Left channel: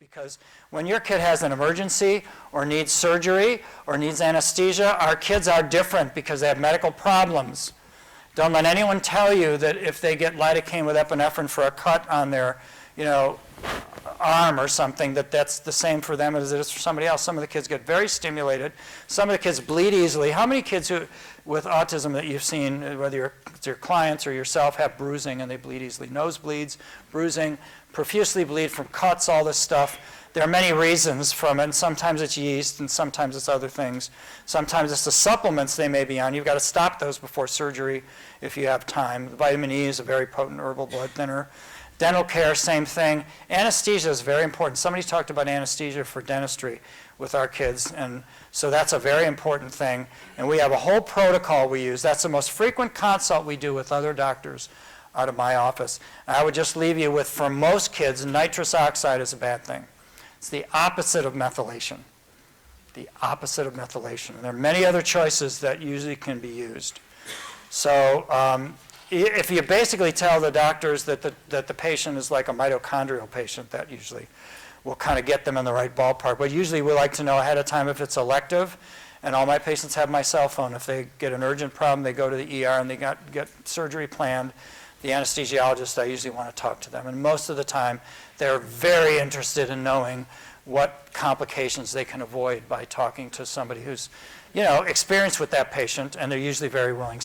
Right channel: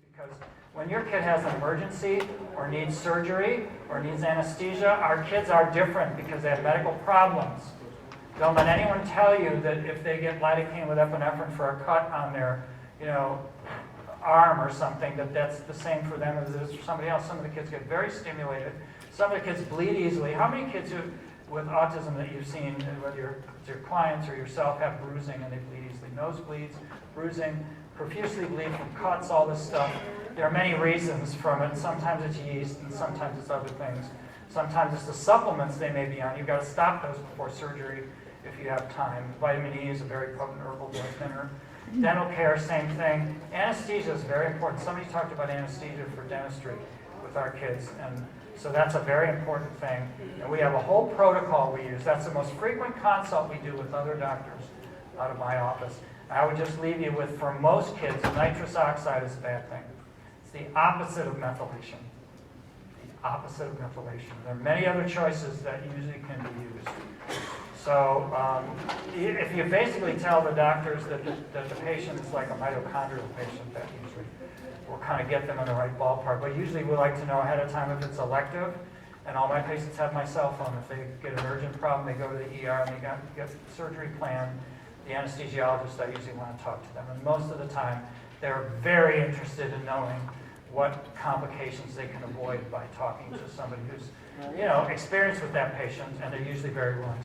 Because when your kid has an emergency or needs surgery or needs anesthesia, our kids are different because they have medical problems. Don't let anyone tell you that if they get lidocaine with epinephrine for a cut on their, arm or something, that's the same for them as it is for somebody else. Some of the kids get very stimulated. Some of the kids bleed easily. How many kids with autism that you've seen, whether it's your clients or yourself, have bruising and they bleed easily? Nosebleeds, bruising, profusely bleed from cuts, all this stuff. There are many reasons from it. Sometimes it's yeast and sometimes it's other things. Sometimes it's the supplements they may be on. You've got to stop those before surgery if you have time. Vitamin E is a very potent herbal blood thinner. Dental care, same thing. Anesthesia is very important. Somebody talked about anesthesia for dentistry with our kids, and so that's a very important thing. And we have a whole protocol we use. That's the most frequent consult we do with other doctors out of my office. And I would just leave you with, for most kids, nitrous oxide is a bad thing. It's the opposite of methylation. The opposite of methylation. There are many other choices that usually can be used. So if you basically tell the doctors that the patient is like a mitochondrial patient, that usually will kind of get them in the right ballpark. But usually we like to know ahead of time if it's elective. And all my patients have my cell phone. If they get an urgent problem, they go to the ER and they get surgery planned. The anesthesiologist, I usually want to talk to them. And most of the time, they're very interested in knowing what complications they can avoid by talking to somebody who's, experienced with that patient, and they're usually very willing.